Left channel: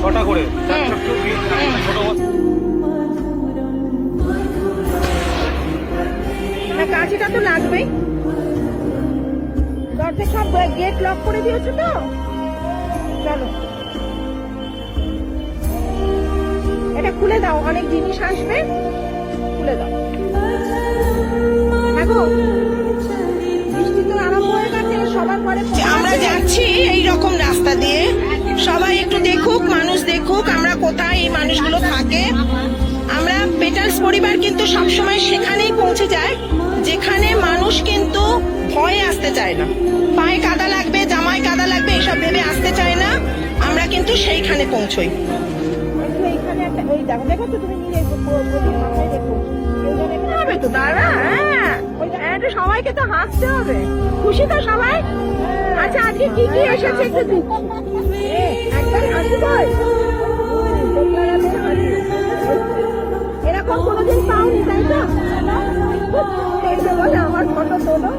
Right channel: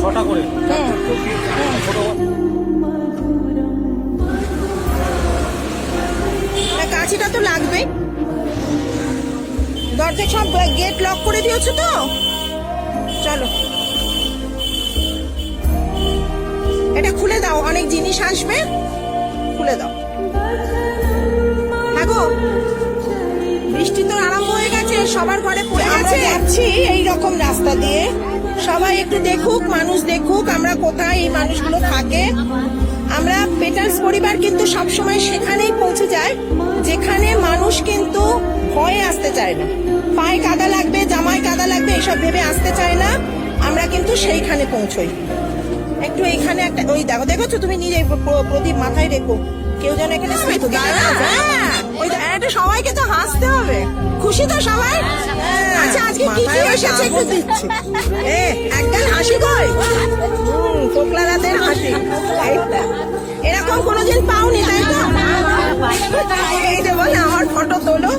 ছটা করে। ছোট না কাঁচিটা তো লাগবে। দরজা সব গেট লক করে দিয়েছ তো? চলো। এটা খুলে দাও অনেক জিনিস আসবে। খুলে দাও। হ্যাঁ গো বৃষ্টি তো আরম্ভ হয়ে গেছে সবার ঘরে আমরা যাচ্ছি এই রকম রাস্তা দিয়ে। সবাই একটু দেখুক মানুষ দেখুক আমরা কোথায় এই মানুষগুলো থাকে। আমরা পেটালস পরিবার কিন্তু সবসময় সেখানেই পৌঁছে যায় যেখানে মানুষ কিন্তু ভয়ে আসতে চায় না। পায়ে কাদা লাগবে জামায় কাদা লাগবে এসব ভেবে আসতে চায় না। আমরা কিন্তু সেইখানে পৌঁছই। একটু এইখানে একটা ওই দেখো দেখেছ তুমি নিজে প্র- প্র- প্রদীপ মাথায় রেখো। কেউ যেন এখানে তো দাদা ওই হ্যাঁ, সবাইকে তো হাসতে হবে। খুশি তো সবাই? আচ্ছা আজকে কি কি এসেছে একটু দিচ্ছি। এ, একদম হাসি কই? পোকলারাদের হাসি। এইটা। এরকম কোনোদিন পাওনি তাই তো এই যে বলে আমার ফটো তোলো।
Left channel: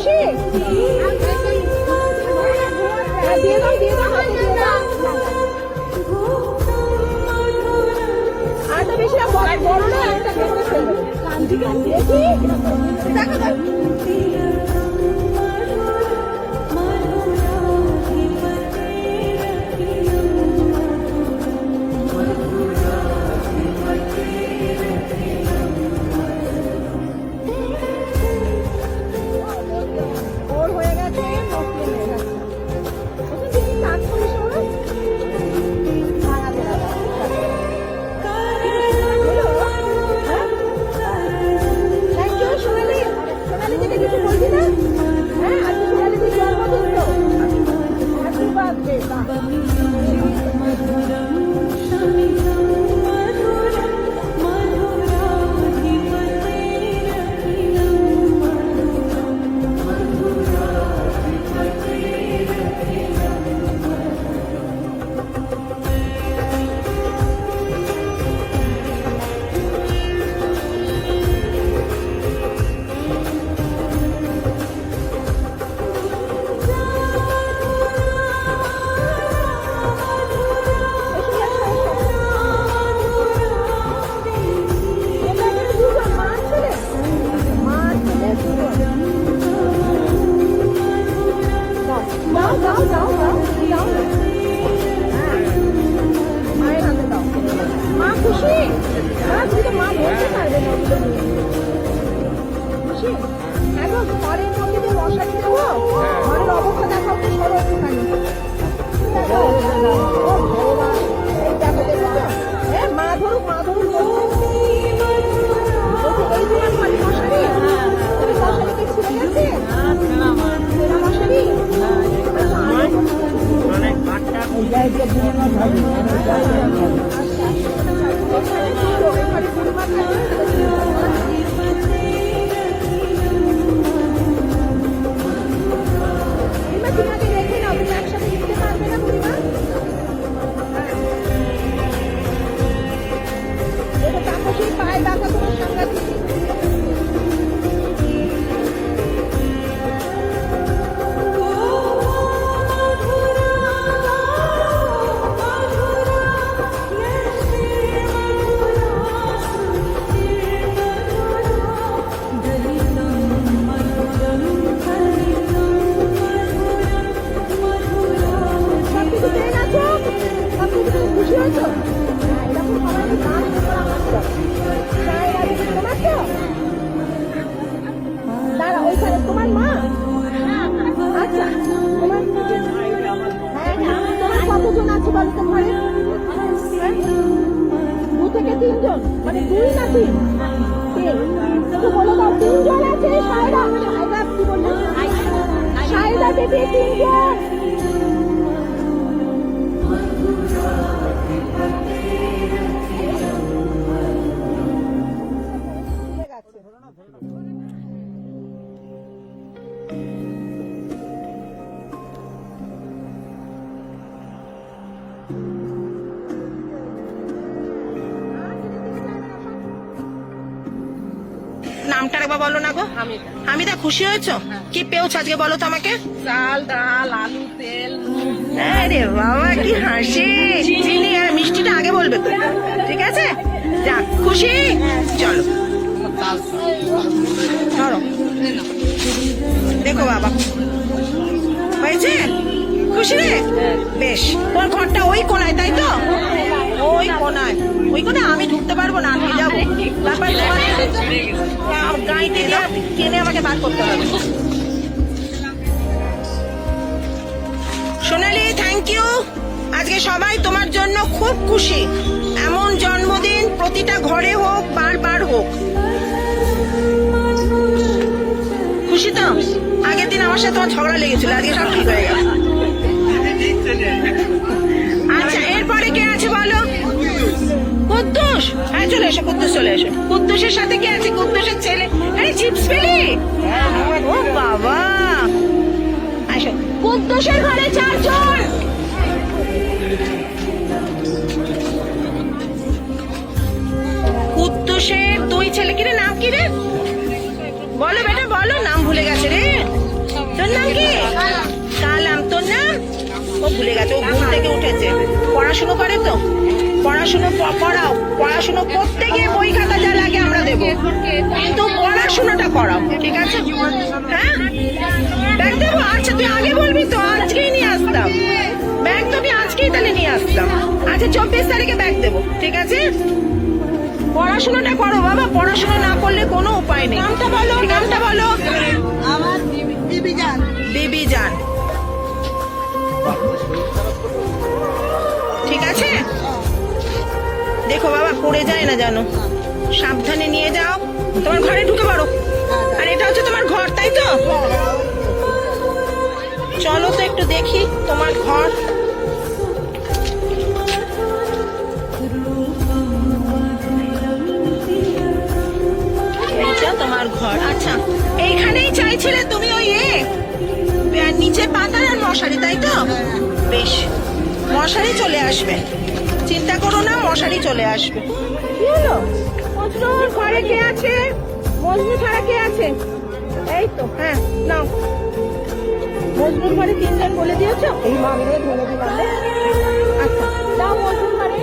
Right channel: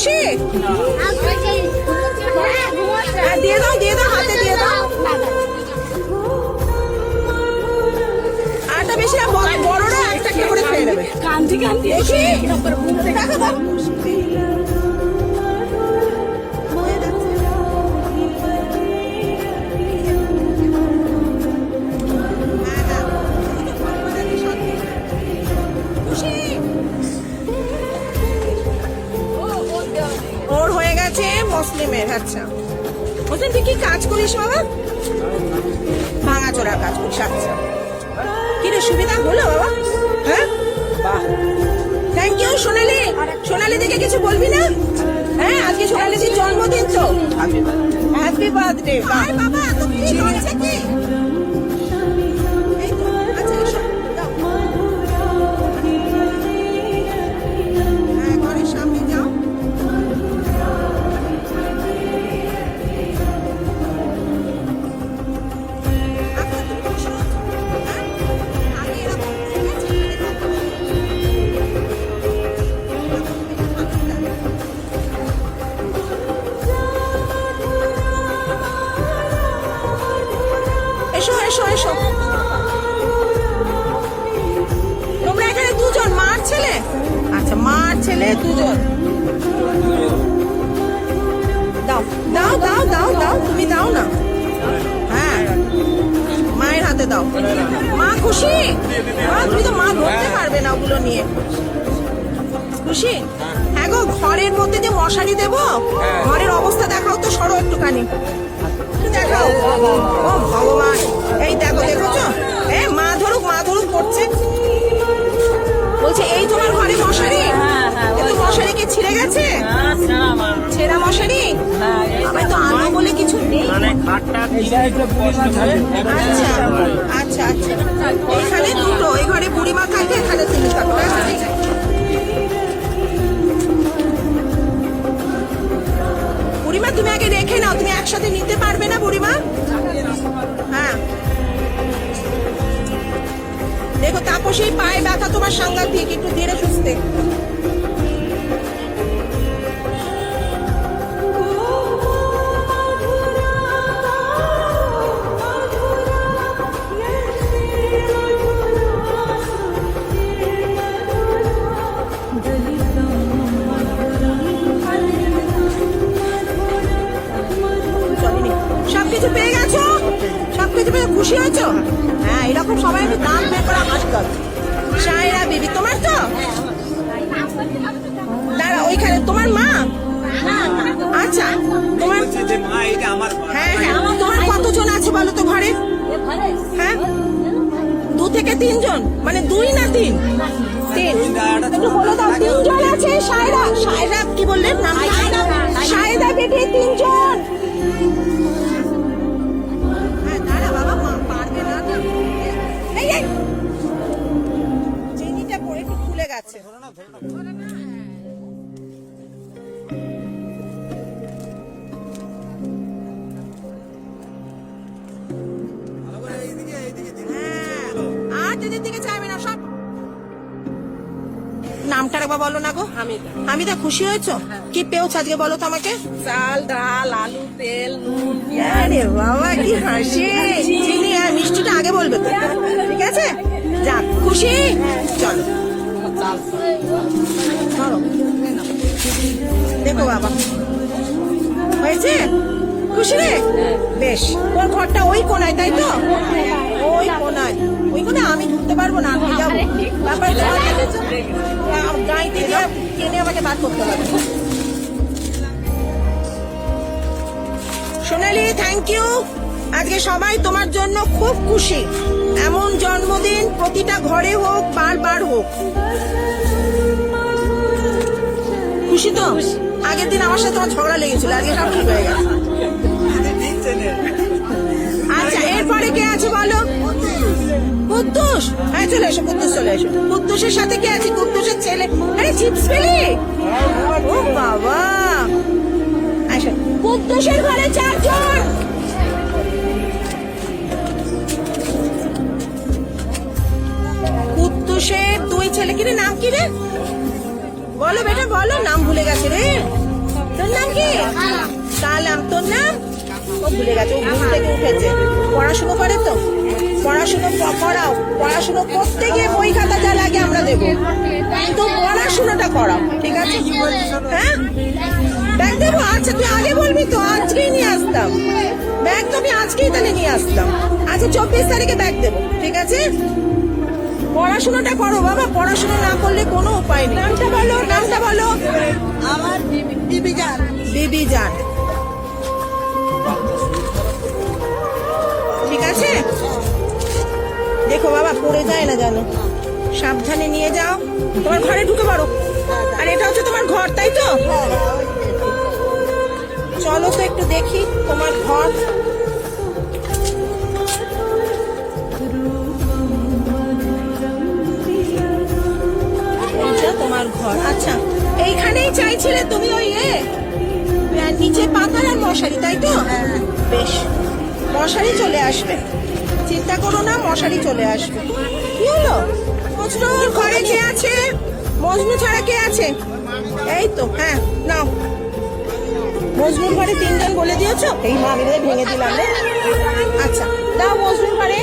খুশি Görüşme? এসো এসো এই সাইডটা বুড়িমা থাকে থেকে তিনজন? মানে দুই না তিন? আছে সায়রা? সায়রা কি বললেন সায়রা বেবি তিনজন। মেয়েদের দিকে নামটা একবার বলো না গো। আমি হামিদা খুশি হয়েছো? কি পেয়েছ আজকে বলো তো আমাকে? চাল ডাল আলু তেল আরে বাবা কি হাসি। চিনি আর মিষ্টিটা আগে বলবে তো। ঠিক আছে? যাক খুশি? চলো। ধরো। দেখো বাবা। হয়েছে? খুশি রে? বেশ। তোর ঘরটা ওই কোনায় তাই তো? ওই কোনায়। ওই কোনায় আমি ঢুকতে পারব না, আমি যাব। তারপরে তোমার গাড়িতে দিয়ে টেনে আমাকে বার করতে হবে। সোনালি থ্যাংক ইউ আজকে সবাই তোমার জন্য খুব খুশি। এমন জন্মদিন প্রতিটা ঘরে হোক, বারবার হোক। খুশি তো? আগের দিন আমার সাথে তোমার ঝগড়া লেগেছিল, আজকে সব ঠিক হয়ে গেছে। কুদ্দুস হ্যাঁ চলে এসো, কুদ্দুস চলে এসো। কুদ্দুসের সাথে কে আছে? কুদ্দুসের ছেলে। আরে, চিপস পেলি? ও বাবা। আসো। কুদ্দুসের ঘরে চারজন। কুদ্দুসের দুই ছেলে কি রে? নাম কি রে? বলো বেটা, বলো। নাম ভুলে গেছে রে। তোর নাম কি? কালাম। তোর নাম? ও ভুলে গেছে, ও ঘুম থেকে উঠেছে। পড়াশুনো করে তো? পড়াশুনো করাও পড়াশুনো করতে গিয়ে বই খাতা যা লাগে আমরা দেবো। কিন্তু পড়াশুনোটা করাও ঠিক আছে? হ্যাঁ? ব্যাগ দেবো? আচ্ছা তুই আগে বলবি তো আজকেই নিয়ে আসতাম। ব্যাগ তো আমি আজকেই তাহলে নিয়ে আসতাম। আচ্ছা চব্বিশ তারিখে ব্যাগ দেবো ঠিক আছে? পড়াশোনাটা করো বাবা পড়াশোনা না করলে কোনো উপায় নেই। নামটা বলো নামটা বলো। আমার বিবি যান বিবি যান ঠিক আছে? দেখো বাবা, পড়ে যায় না জানো সাবধানে নিয়ে যাও। তোমার ঘরে ঢুকে পড়ো। আর এটা হচ্ছে তোমার ঘর, তাই তো? চলো তো একটু দেখি তোমার ঘর। তোমার ঘর। আচ্ছা এইখানেই চাইছিলে তুমি ওই এ, নিচে পাতার আর মশারি, তাই তো? বেশ, মশারি চলে আসবে। চিন্তা করো না, মশারি চলে আসবে। ঘরে কে আছে? ছাড়া কে আছে? এই তো হ্যাঁ নাও। তিনজন বলে দিয়েছ? এই দিলাম আচ্ছা দাও মজনুর ঘরে।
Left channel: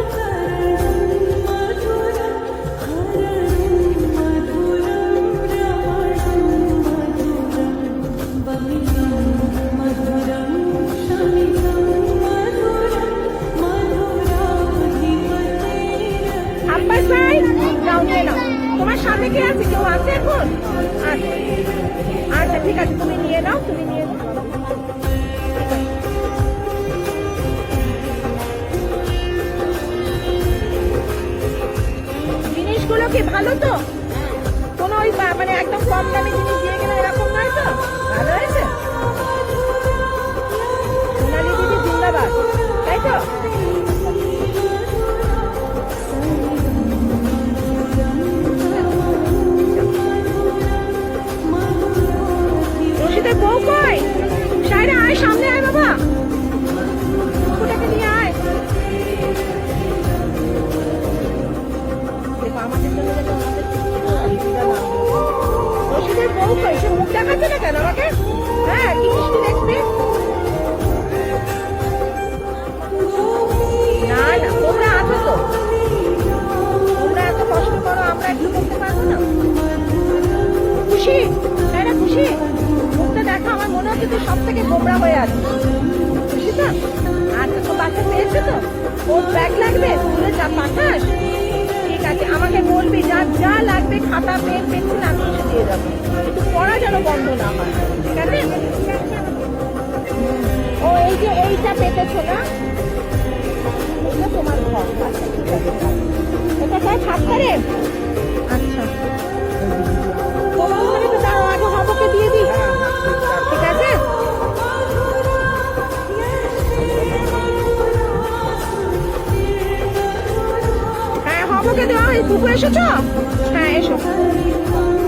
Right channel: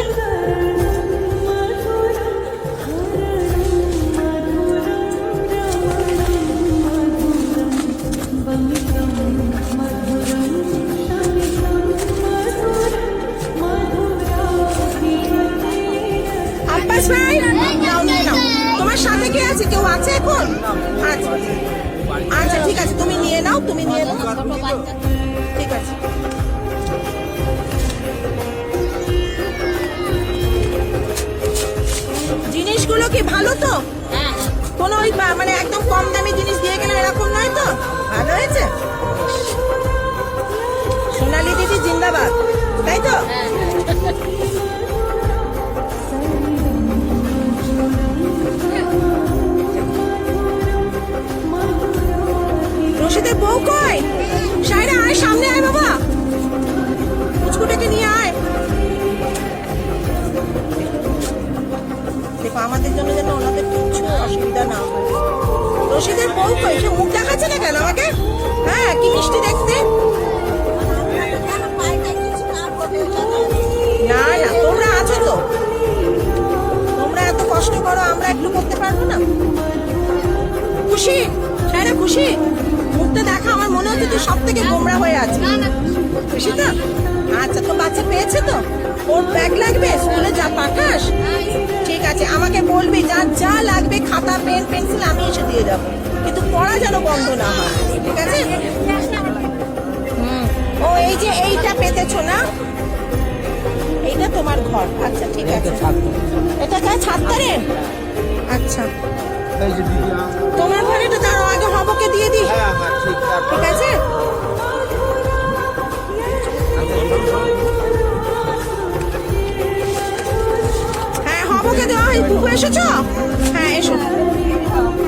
তোমার সাথে কে আছে? কেউ আছে এখন? আচ্ছা আচ্ছা ঠিক আছে, তুমি নিয়ে নাও, তুমি নিয়ে নাও। ঠিক আছে। জিনিসগুলো কি ভালো তো? কোনো ওই মানে একদম কম দামি জিনিস দিয়ে গেলে এরকম নয় তো? ভালো হয়েছে? সোনালি দিদি জিন্দাবাদ। তাই তো? খুশি মুখটা দেখা, আমার মনে হচ্ছে তুই সব থেকে গোমরা হয়ে আছিস। খুশি তো আচ্ছা তো বাচ্চা পেয়েছে তো? ওর ব্যাগ লাগবে? স্কুলে যা পাঠাস? ঠিক আছে, আমাকে বলবি, যা যা লাগবে, খাতা পেন পেন্সিল আমি এসে দিয়ে যাব কিন্তু পড়া যেন বন্ধ না হয়, ঠিক আছে। ও, এই যে এইটা পেতেছো না? এইটা তোমার ঘর। আচ্ছা ঠিক আছে। এটা যা ছাড়তে রে আচ্ছা। তোমার ঘরে তো দাঁড়াও আগে হবকে দিয়ে দিই ঠিক আছে। হ্যাঁ হবকে দেওয়া হয় পুপু এসেছ? হ্যাঁ এসো।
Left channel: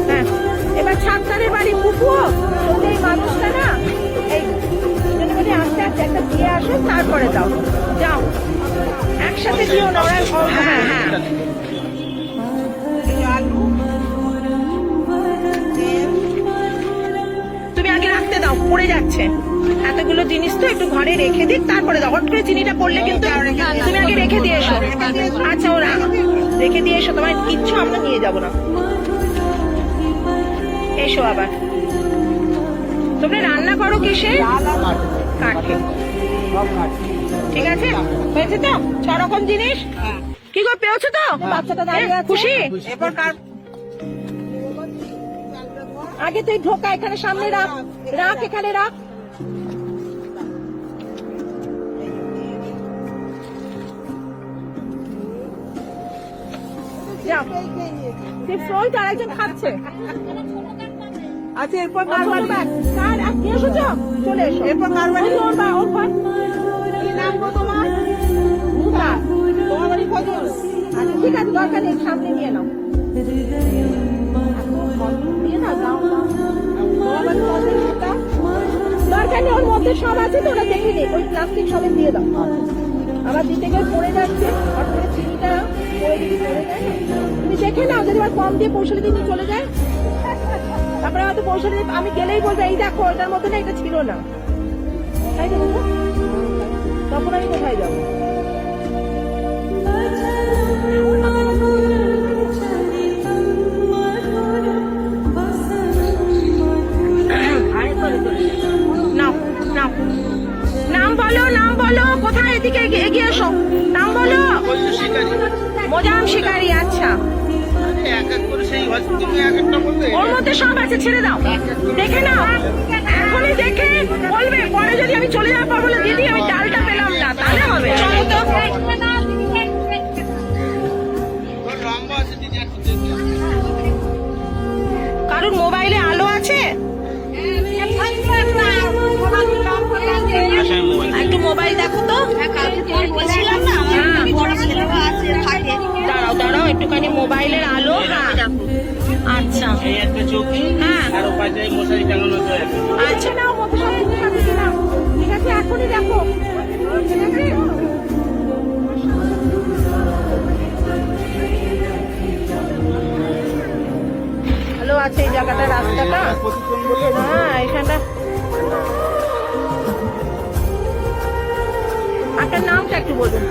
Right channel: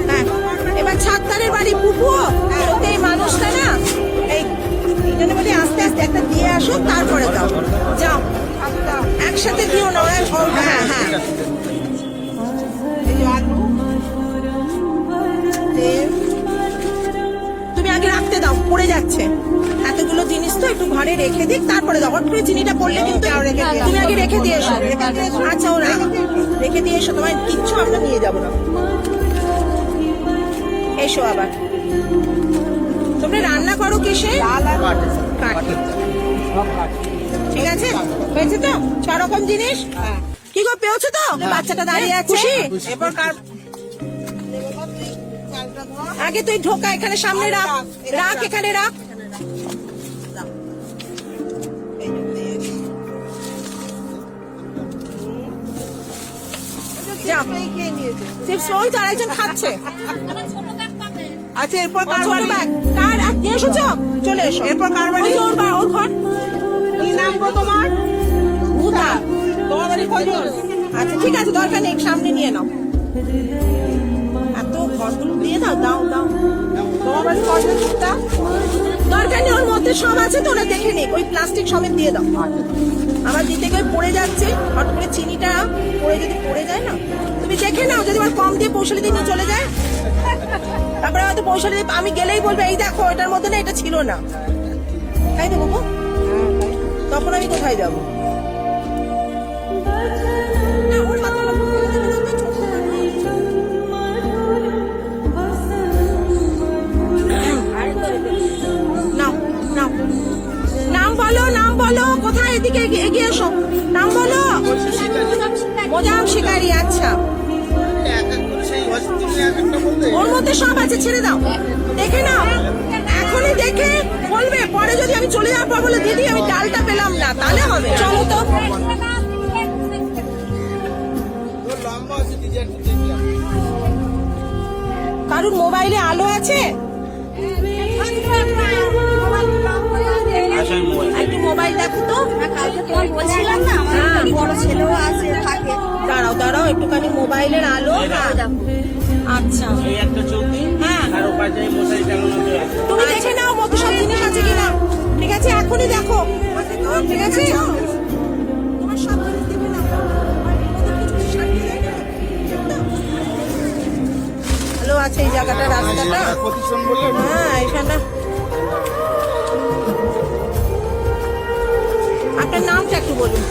হ্যাঁ এবার ছাত্তারের বাড়ি পুপু। সত্যি এই মানুষটা না এই আস্তে আস্তে একটা দিয়ে আসো তারপরে দাও যাও। একসাথে দিও না হ্যাঁ হ্যাঁ। পড়ে যাচ্ছে। এতগুলো জিনিস তো একটু ঘরে রেখে দিক তারপরে দাও। হট করে চিনিটা পড়লে কিন্তু তুমি আগে রেখে দিয়ে এসো। আচ্ছা ওরা রেখে দিয়ে এসো তোমার কিচ্ছু আমরা নিয়ে যাব না। এসো আবার। তোমরা রান্না করো কিসে? কাঠে। ঠিক আছে? হয়েছে তো? ছ রকম জিনিস? কি গো পেয়েছ তো? বাচ্চাটা দাঁড়িয়ে আছে। খুশি? আগে তুই ঢোকা এখানে সামনে রাখ। রাখ এখানে রাখ যাও। চিপস ওই তো আরেকজন খাচ্ছে। আচ্ছা এরপর ও ছোট ব্যাগ কার আর নিয়ে এসেছ? চলে এসো। ওই ওর বা ওর ঘর। আচ্ছা ঠিক আছে দরকার নেই সামনে নিয়ে নাও। দরকার নেই, ওর মধ্যে সব আছে তো, ওরা দেখে নিক, ওই প্লাস্টিক সমেত দিয়ে দাও। আবার দিতে গিয়ে পড়ে যাচ্ছে, হট করে চিনিটা পড়ে যদি পড়ে যায় না, তুমি দেখে নাও, যদি আবার কম দিয়ে পৌঁছালে দিয়ে চলে যায়। তারপরে হয়তো পৌঁছালে আমি গেলেই বলবে, এই দেখো, এটার মধ্যে না, এটা ছিল না। তাই তো গো? তখন আমি কোথায় যাব? নাও নাম বলো নাম বলো কোথায় এদিকে এগিয়ে এসো। নাম বলো। মোজাম শিকারি আচ্ছা। ওর মধ্যে সব আছে ছেড়ে দাও। দেখে নাও। এখনই দেখে বলবে পরে যদি আমি চলে যাওয়ার পর বলে দিদি আমি ডালটা পেলাম না তাহলে হবে। চলো তো কারুর মোবাইলে আলো আছে? একটু মোবাইল দেখো তো। হ্যাঁ। দাঁড়াও দাঁড়াও একটুখানি মোবাইলের আলো। হ্যাঁ। আচ্ছা। এই একটা চৌকি হ্যাঁ। আর ওপাশে যায় মশারি টাঙানো তো এক। তুমি দেখে নাও মতো সব জিনিস আছে কিনা। ঠিক আছে এখনই দেখো। ঠিক আছে। ভালো আছে এই জায়গাটা রাস্তাটা? হ্যাঁ এখানটা আপনার নামটা একটু বলুন।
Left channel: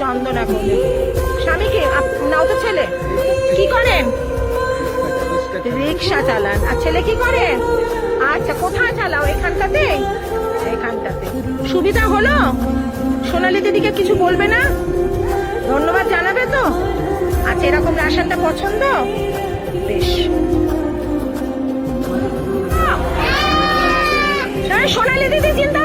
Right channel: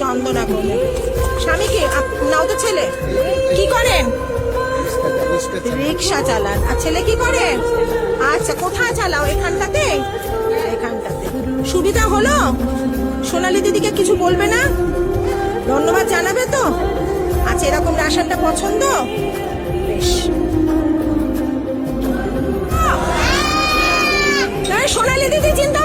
চন্দনা করলে স্বামী কি? নাও তো ছেলে। কি করেন? রিক্সা চালান। আর ছেলে কি করে? আচ্ছা কোথায় চালাও? এখানটাতে? এখানটাতে। সুবিধা হলো? সোনালি দিদিকে কিছু বলবে না? ধন্যবাদ জানাবে তো? আচ্ছা এরকম রাশনটা পছন্দ? বেশ। সোনালি দিদি চিন্তা